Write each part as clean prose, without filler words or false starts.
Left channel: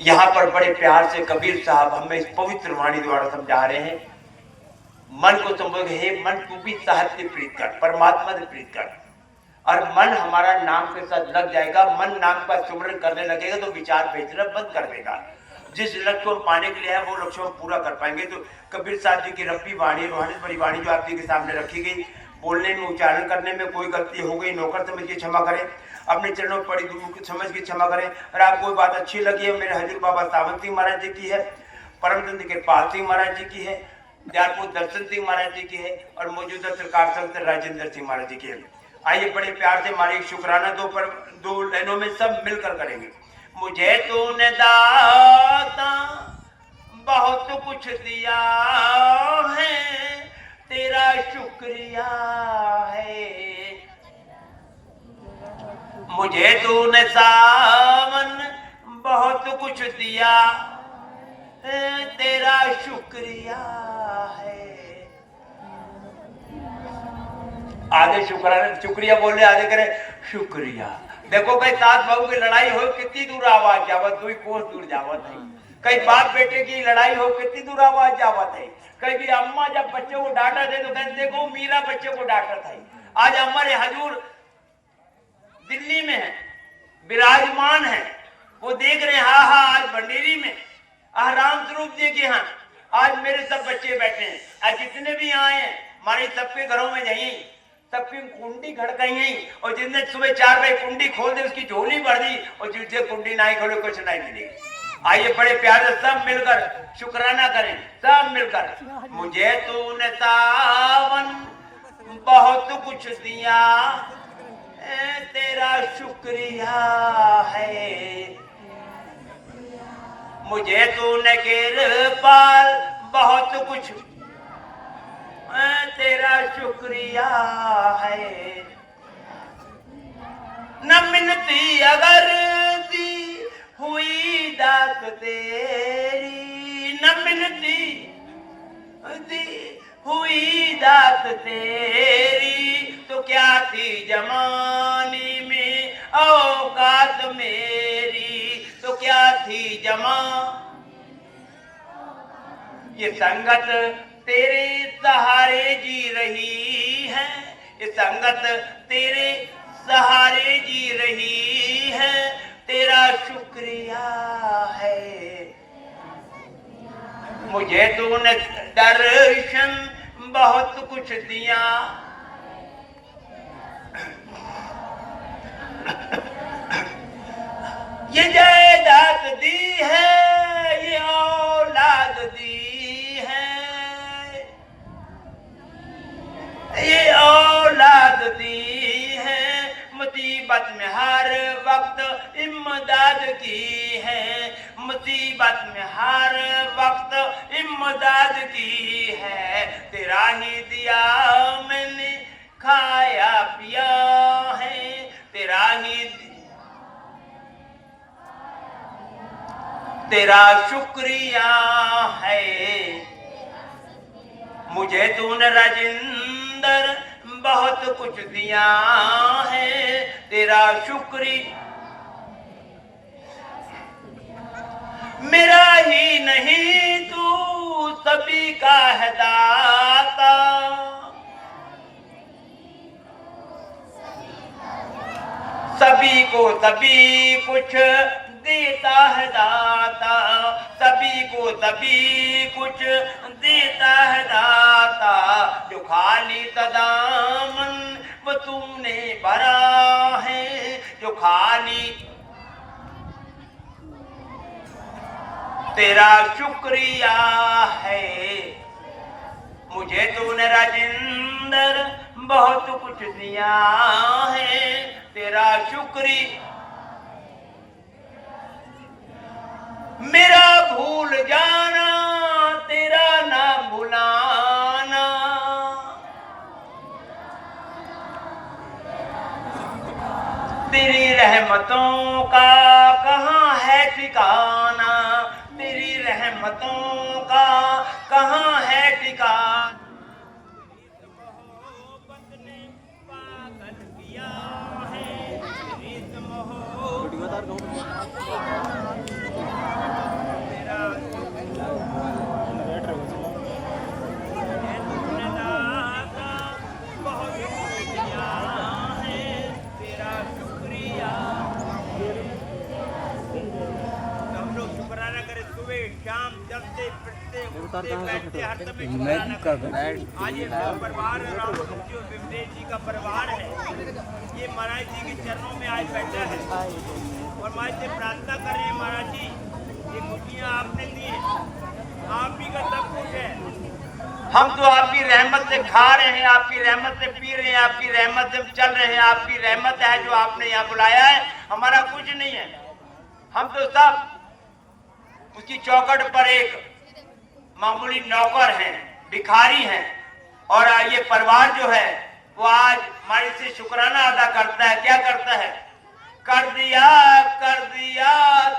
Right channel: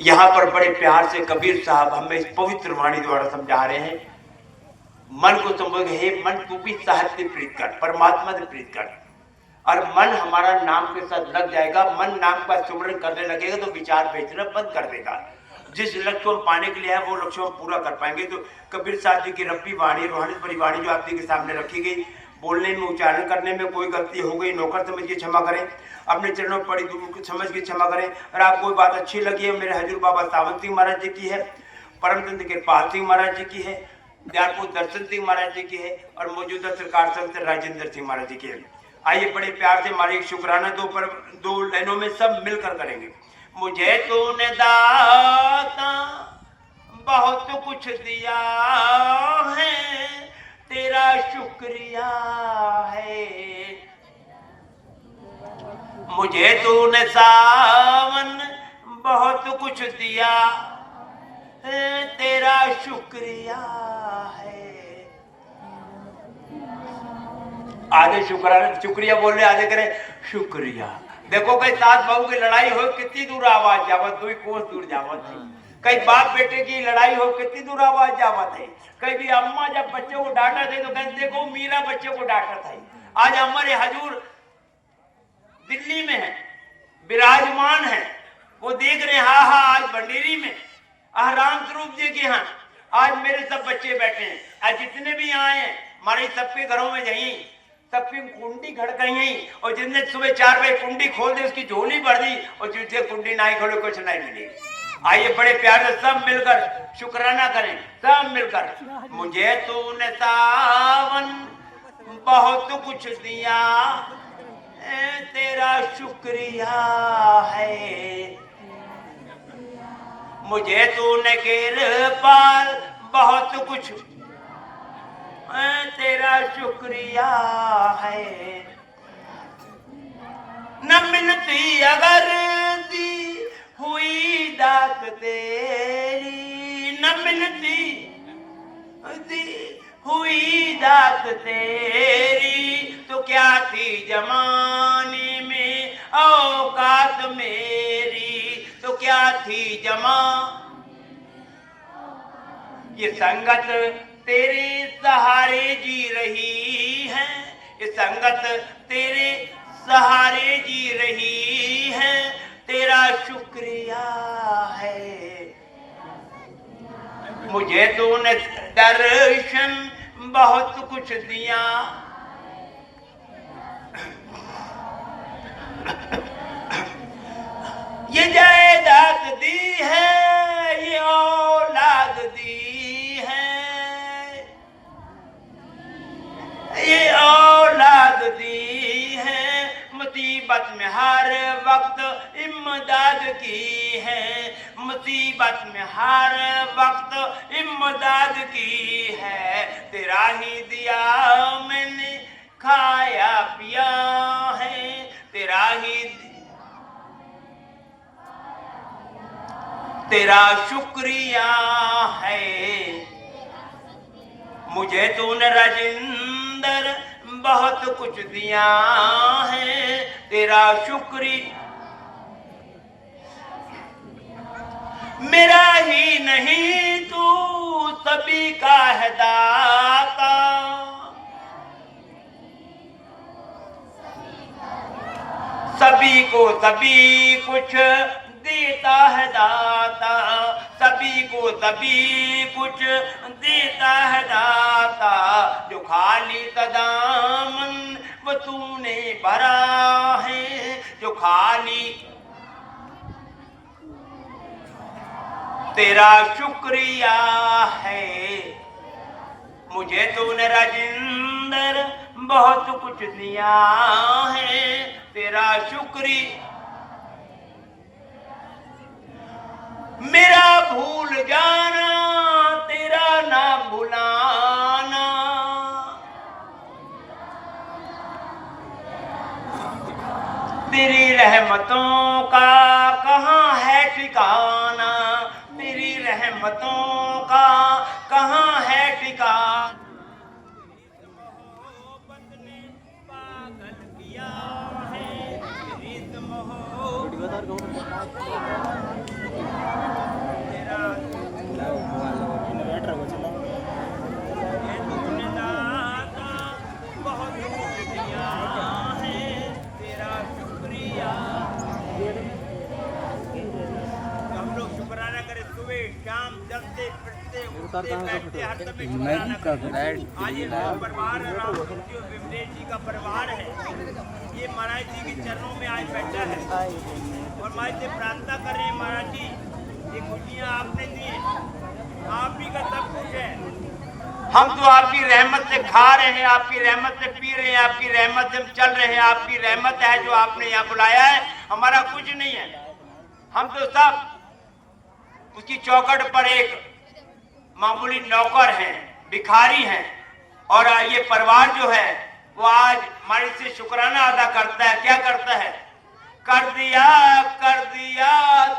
यहाँ पर बड़े प्यार से कबीर साहब हमें इस पवित्र वाणी द्वारा समझा रहे हैं। मन को संबोध, हे मन तू भी साहब से प्रीत कर, परमात्मा से प्रीत कर, और मन हमारा नाम के साथ लग जाएगा। मन नाम का सुमरण करने लगेगा तो विचार भेजना बंद कर देगा। जिस लक्ष्य को पाने के लिए है वो लक्ष्य हम पूरा कर पाएंगे। तो कबीर साहब जी की रब्बी वाणी, रूहानी भरी वाणी जो आप जी के सामने रखी गई, बोलने में, उच्चारण करने में कोई गलती हो गई, नौकर समझ के क्षमा करें, अपने चरणों पड़ी समझ के क्षमा करें। और आपको कोई बात अच्छी लगी है, मेरे हजूर बाबा सावंत सिंह महाराज जी की है, परमचंद के पाल सिंह महाराज जी की है, दयालपुर दर्शन सिंह महाराज जी की है, और मौजूदा सरकार संत राजेंद्र सिंह महाराज जी की है। आइए बड़े प्यार से हमारे शुक्राना दो लाइनों में सब मिलकर करेंगे। मुझे तूने दाता बहुत कुछ दिया है, तेरा शुक्रिया है। मुझे तूने सावन बहुत कुछ दिया है, तेरा शुक्रिया है। आधे शुक्रिया बोल रहे, आधे करे शुक्रिया। देखो कई सास बहू की लड़ाई हो, कितनी दूर आवाज जावत, दुई कोस दूर जावत है। कई बाप बेटे की लड़ाई हो, कितनी दूर आवाज जावत है। कई भी अम्मा जब बच्चे को डांटा थे तो कहते देखो मीरा बच्चे को डांटा था। आज हमारे हजूर दिल्ली में है, विराजमान है, वो देख रहे हैं। हाँ आज भंडेरी में राम स्वरूप जी के यहाँ आज मेरे सब बच्चे बैठे हैं। आज जितने भी आए हैं हमारे सबके घरों में जाइए, सबकी कुंडी खड़काई, और जिसने सुबह 4 बजे कुंडी खोल दी उसकी झोली भर दी, और जिससे कुंडी नहीं खोले कुछ नहीं मिलेगी। आइए बड़े प्यार से सब मिलकर शुक्राना करें, सब मिलकर। मुझे तूने सावन बहुत कुछ दिया, तेरा शुक्रिया है। मुझे तूने कृपाल बहुत कुछ, तेरा शुक्रिया है। न मिलती अगर दी हुई दात तेरी, न मिलती दी हुई दात तेरी, तो क्या थी जमाने में औकात मेरी, तो क्या थी जमा। ये संगत तेरे सहारे जी रही है, ये संगत तेरे सहारे जी रही है, तेरा शुक्रिया है। मुझे तूने दर्शन बहुत कुछ दिया, ये जायदाद दी है, ये औलाद दी है, ये औलाद दी है। मुसीबत में हर वक्त इमदाद की है, मुसीबत में हर वक्त इमदाद की है। तेरा ही दिया मैंने खाया पिया है, तेरा ही, तेरा शुक्रिया है। मुझे तूने राजेंद्र बहुत कुछ दिया है, तेरा शुक्रिया। मेरा ही नहीं तू सभी का है दाता, सभी को सभी कुछ देता है दाता, सभी को सभी कुछ देता है दाता। जो खाली दामन वो तूने भरा है, जो खाली, तेरा शुक्रिया है। मुझे तूने राजेंद्र बहुत कुछ दिया है, तेरा शुक्रिया। मेरा भूल जाना तेरा ना भुलाना, तेरी रहमतों का कहाँ है ठिकाना, तेरी रहमतों का कहाँ है ठिकाना। इस मोहब्बत ने पागल किया है, इस मोहब्बत कर सुबह शाम चलते फिरते उठते बैठते हर समय शुक्राना करें। आज ये जो परिवार राम स्वरूप जी और विमलेश जी का परिवार है, ये महाराज जी के चरणों में आज बैठा है और महाराज से प्रार्थना कर रहे हैं, महाराज जी ये खुशियाँ आपने दी हैं, आप ही का सब कुछ है। हम तो आपकी रहमत से खा रहे हैं, आपकी रहमत से पी रहे हैं, आपकी रहमत से चल रहे हैं, आपकी रहमत है जो आपने यहाँ बुलाया है, हमारा कुछ नहीं है। हम तो सब उसकी चौखट पर एक मामूली नौकर हैं, भिखारी हैं। और ये परिवार जो है वो आज हमारे से शुक्राना अदा करता है। क्या करता है? कर दिया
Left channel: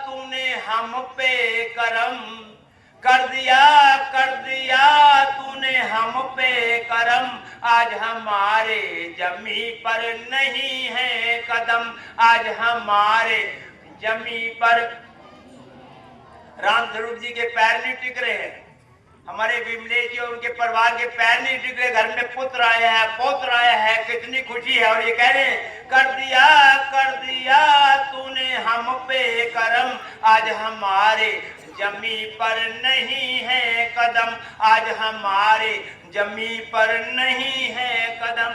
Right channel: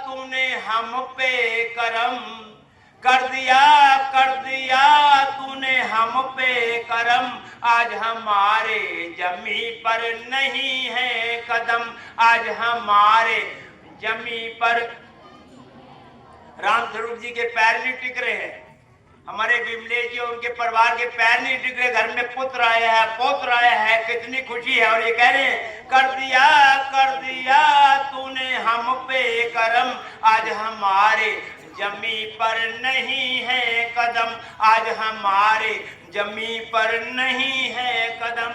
तूने हम पे करम, कर दिया तूने हम पे करम, आज हमारे जमी पर नहीं है कदम, आज हमारे जमी पर राम स्वरूप जी के पैर नहीं टिक रहे हैं, हमारे विमलेश जी और उनके परिवार के पैर नहीं टिक रहे। घर में पुत्र आया है, पौत्र आया है, कितनी खुशी है। और ये कह रहे हैं कर दिया तूने हम पे करम, आज हमारे जमी पर नहीं है कदम, आज हमारे जमी पर नहीं है कदम।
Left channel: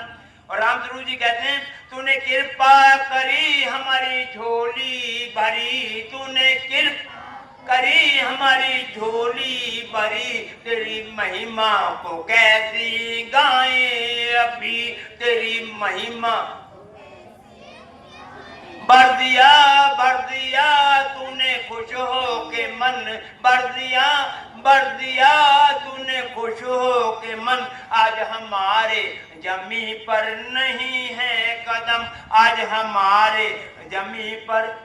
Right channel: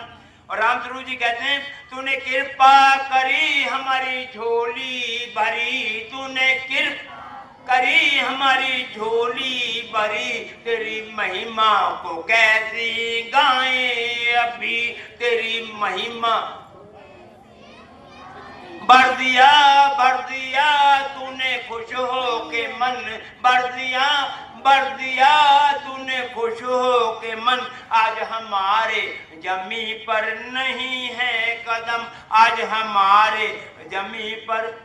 और राम स्वरूप जी कहते हैं तूने कृपा करी हमारी झोली भरी, तूने कृपा करी हमारी झोली भरी, तेरी महिमा को कैसी गाएं अभी, तेरी महिमा भर दिया तूने खुश हो के मन, भर दिया तूने खुश हो के मन, आज हमारे जमी पर नहीं है कदम, आज हमारे जमी पर।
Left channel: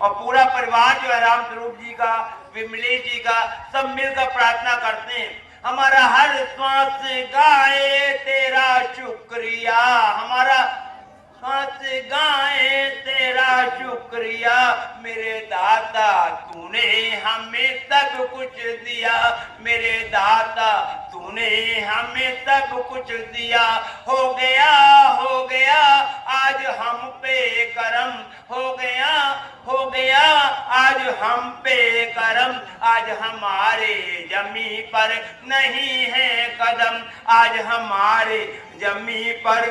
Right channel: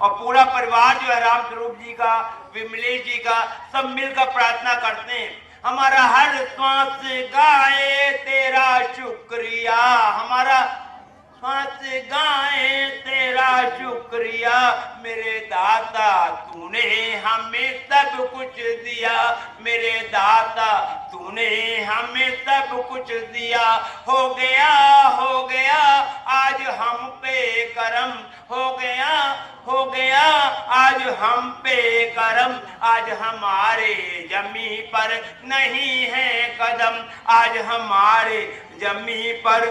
और पूरा परिवार जो है राम स्वरूप जी का, विमलेश जी का, सब मिलकर प्रार्थना करते हैं, हमारा हर श्वास गाए तेरा शुक्रिया, हमारा श्वास गाए तेरा शुक्रिया, मेरे दाता तूने हमें सब कुछ दिया, मेरे दाता तूने हमें सब कुछ दिया। हो गया आज हम पे करम, हो गया आज हम पे करम, आज हमारे जमी पर नहीं है कदम, आज हमारे जमी पर।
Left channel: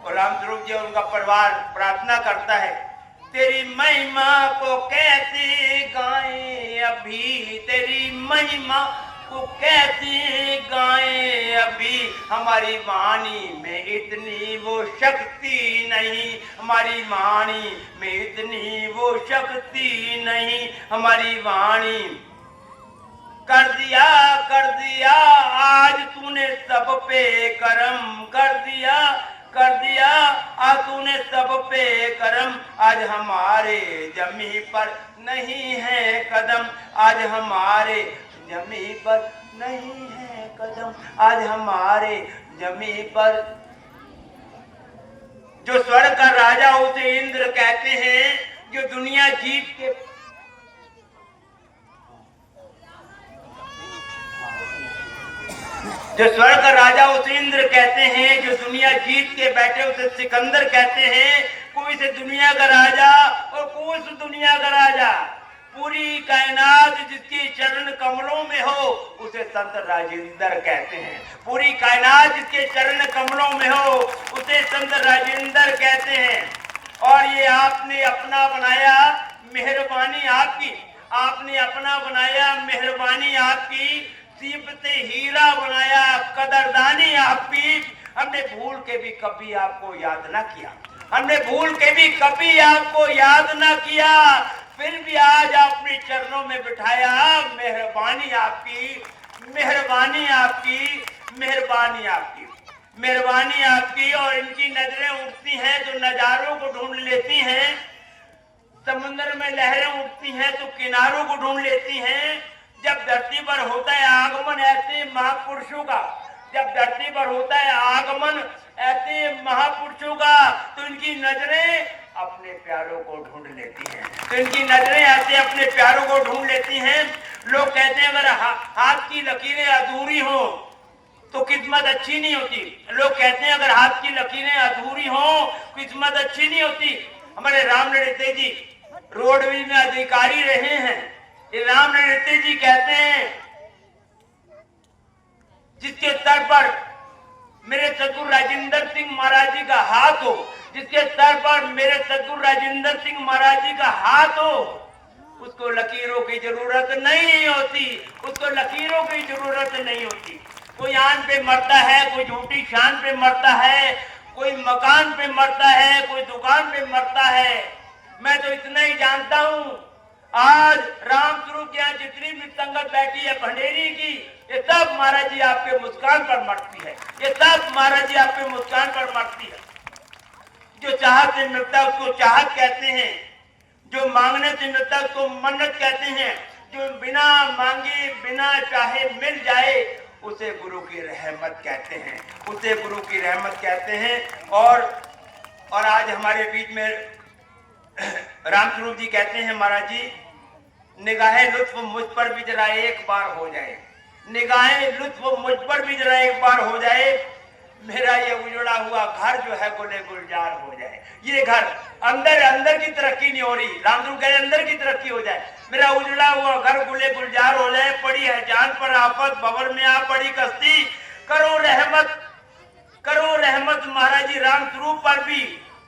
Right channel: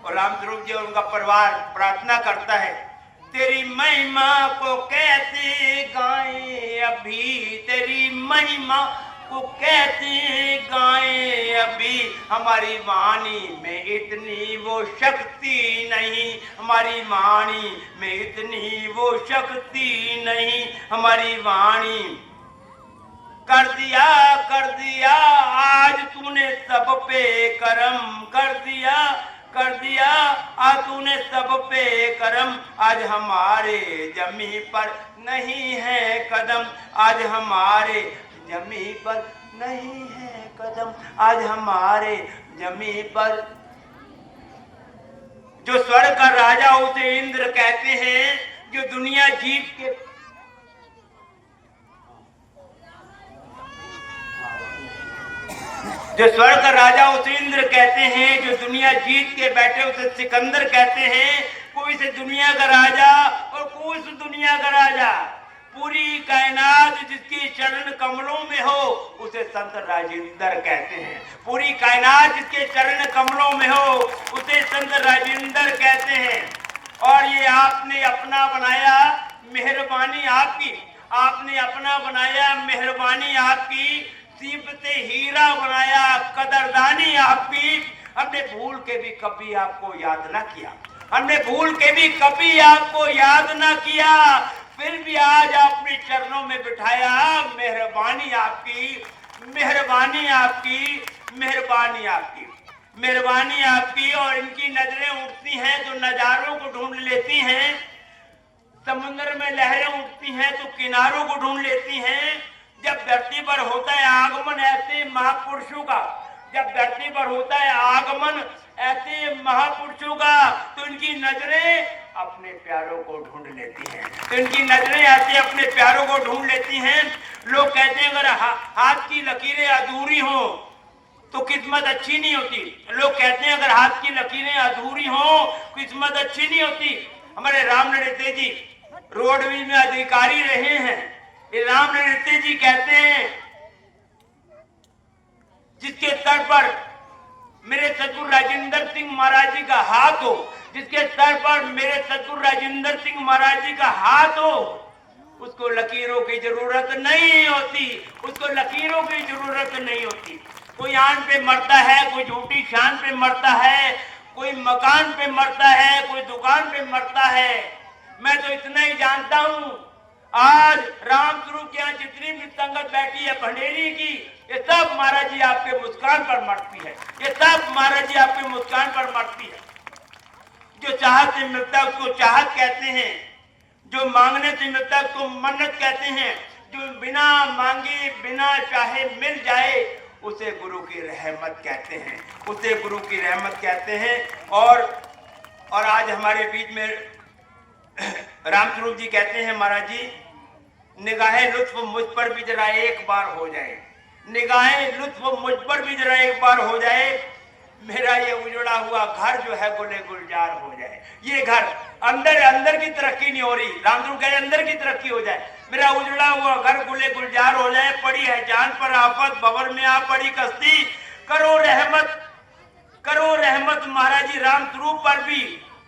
और राम स्वरूप जी और उनका परिवार प्रार्थना करता है तेरी महिमा को कैसे गाएं अभी, तेरी महिमा को कैसे गाएं अभी, हमारी वाणी में इतनी वो शक्ति नहीं, हमारी वाणी में इतनी वो शक्ति नहीं, हमारी वाणी। कर दिया आज तूने सब पे करम, कर दिया आज तूने सब पे करम, आज हमारे जमी पर नहीं है कदम, आज हमारे जमी पर नहीं है कदम, आज हमारे जमी पर। जो स्वर्ग का राजा उसे इंद्र कहते हैं, जो दुनिया जीत के जो स्वर्ग का राजा उसे इंद्र कहते हैं, जो दुनिया जीत के बैठे उसे सिकंदर कहते हैं। कोई से दुनिया का राजा और कोई से दुनिया का राजा, पूरी कायनात जिसके चरण कमलों में हो उसे संत राजेंद्र कहते हैं, पूरी कायनात जिसके चरण कमलों में हो उसे संत राजेंद्र कहते हैं। और ये आपने अपना बनाया, मेहरबानी आपकी, आपने अपना बनाया, मेहरबानी आपकी, सीपते हीरा बनाया, कदरदानी आपकी। हमने भूल के भी कभी आपको याद ना किया, हमने भूल के भी कभी आपको याद ना किया, फिर भी आज अपने चरणों में बिठाया। मेहरबानी आपकी, मेहरबानी आपकी, मेहरबानी आपकी, मेहरबानी आपकी। और इनकी नजरें उठती हैं तो नजारों को ढूंढ लेती हैं, समुद्र में लहरें उठती हैं तो किनारों को ढूंढ लेती हैं। जब धरती पर होता है आगमन ऐसे महापुरुषों का, जब धरती पर होता है आगमन ऐसे महापुरुषों का, तो इनकी नजरें अपने प्यारों को ढूंढ लेती हैं, तो इनकी नजरें ऐसे अपने प्यारों को ढूंढ लेती हैं। लोग कहते हैं अगर हाथ की लकीरें अधूरी हो तो किस्मत अच्छी नहीं होती। लोग कहते हैं अगर हाथ की लकीरें अधूरी हो किस्मत अच्छी नहीं होती। हमारे राम लड़ते जी रोडवेज में अधिकारी रहे हैं। ये राम नृत्य जी कहते हैं, जिसके सर पर मेरे सतगुरु राजेंद्र सिंह महाराज जी का हाथ हो, जिसके सर पर मेरे सतगुरु राजेंद्र सिंह महाराज जी का हाथ हो, उसको लकीरों की जरूरत नहीं होती, उसको लकीरों की जरूरत नहीं होती। कोई आन पे मरता है, कोई झूठी शान पे मरता है, कोई मकान पे मरता है, कोई दुकान पे मरता है। मैं तो इतना ही जानता हूं, आज राम स्वरूप के यहाँ जितनी भी संगत बैठी है भंडेरी की, ये सब महाराज जी आपके मुस्कान पर मरती है, ये सब महाराज जी आपके मुस्कान पर मरती है। जो चाहत से मिलता है उसको चाहत कहते हैं, जो मांगने से मिलता है उसको मन्नत कहते हैं, जो बिना मांगे बिना चाहे मिल जाए उसे गुरु की रहमत कहते हैं, उसे गुरु की रहमत कहते हैं। और आज हमारे बीच में राम स्वरूप जी कहते हैं, महाराज जी निगाहे लुत्फ मुझ पर भी जरा एक बार हो जाए, निगाहे लुत्फ मुझ पर भी जरा एक बार हो जाए, मेरा ये उजड़ा हुआ घर जो है गुले गुलजार हो जाए। ये घर अंदर की तरक्की नहीं हो रही, राम स्वरूप कह अंदर की तरक्की हो जाए, मेरा उजड़ा हुआ घर गुले गुलजार हो जाए। पड़ी है जान पर आफत, भंवर में आ पड़ी कश्ती, करो रहमत महाराज जी राम स्वरूप पर भी,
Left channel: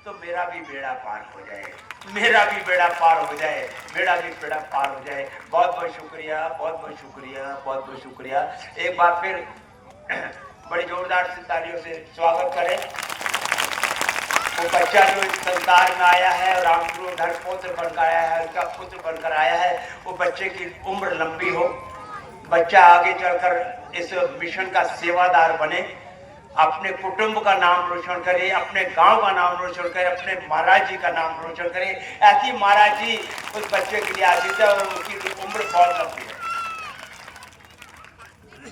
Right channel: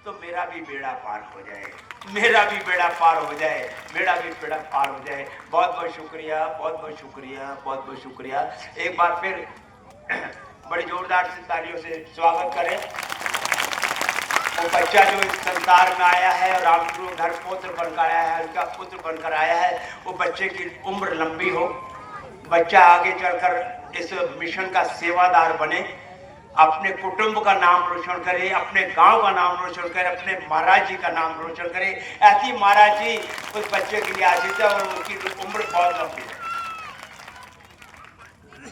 तो मेरा भी बेड़ा पार हो जाए, मेरा भी बेड़ा पार हो जाए, मेरा भी बेड़ा पार हो जाए। बहुत बहुत शुक्रिया, बहुत बहुत शुक्रिया, बहुत बहुत शुक्रिया। एक बार फिर बड़ी जोरदार से तालियों से स्वागत करें। वो बच्चा जो इस संसार में आया है और राम स्वरूप धर्म पुत्र बनकर आया है, उसका पुत्र बनकर आया है, वो बच्चे की उम्र लंबी हो, बच्चा आगे चलकर इस मिशन का सेवादार बने, अपने कुटुंब का नाम रोशन करे, अपने गांव का नाम रोशन करे, अपने महाराज जी का नाम रोशन करे। ऐसी महाराज जी उस बच्चे के लिए आजीत है और उसकी उम्र बहुत लंबी है।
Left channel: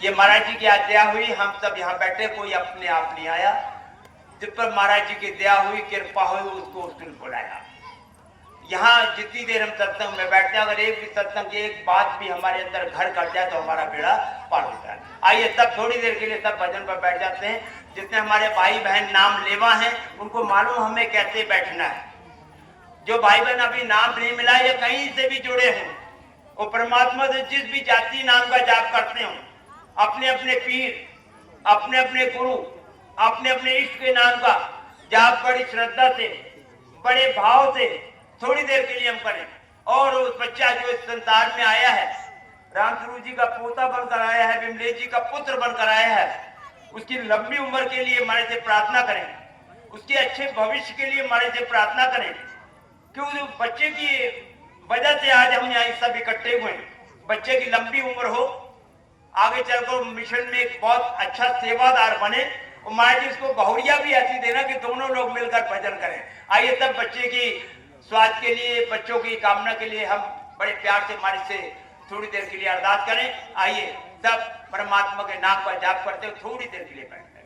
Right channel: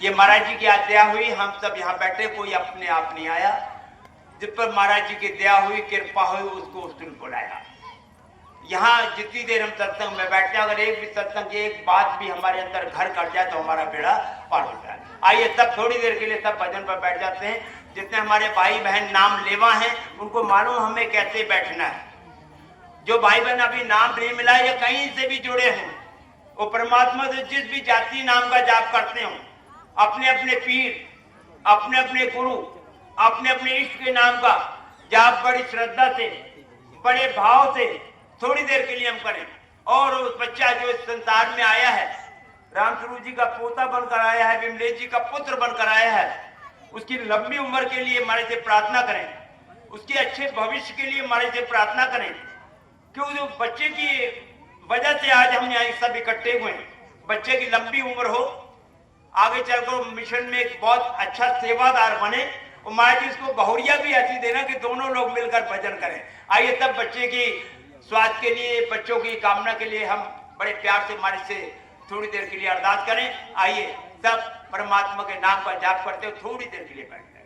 ये महाराज जी की आज दया हुई, हम सब यहाँ बैठे, कोई अपने आप नहीं आया, जिस पर महाराज जी की दया हुई, कृपा हुई, उसको उस दिन बुलाया। यहाँ जितनी देर हम सत्संग में बैठते हैं, अगर एक भी सत्संग की एक बात भी हमारे अंदर घर कर जाए तो हमारा बेड़ा पार होता है। आइए सब थोड़ी देर के लिए सब भजन पर बैठ जाते हैं। जितने हमारे भाई बहन नाम लेवा हैं उनको मालूम हमें कैसे बैठना है। जो भाई बहन अभी नाम नहीं मिला या कहीं से भी जुड़े हैं, वो परमात्मा से जिस भी जाति नाम का जाप करते हो, अपने अपने पीर, अपने अपने गुरु, अपने अपने इष्ट के नाम का जाप बड़ी श्रद्धा से, बड़े भाव से थोड़ी देर के लिए हम करें। और उस बच्चा जो इस संसार में आया है, राम स्वरूप जी का पोता बनकर आया है, विमलेश जी का पुत्र बनकर आया है, उसकी लंबी उम्र के लिए हमारे से प्रार्थना करें, उसके अच्छे भविष्य के लिए हमारे से प्रार्थना करें। क्यों उस बच्चे की वजह से आज हम यहाँ सब इकट्ठे हुए हैं। बच्चे की लंबी उम्र हो, आगे चलकर मिशन में एक बहुत अच्छा सेवादार बने, और महाराज जी इसको गौरिया भी ऐसी देना कि दोनों लोग मिलकर भजन करें। आइए सब बच्चे की स्वास्थ्य के लिए, बच्चों की कामना के लिए हम बड़े प्यार से महाराज से थोड़ी देर के लिए अरदास करें। आइए सब परमात्मा के नाम पर जाप करते हुए थोड़ी देर के लिए बैठे।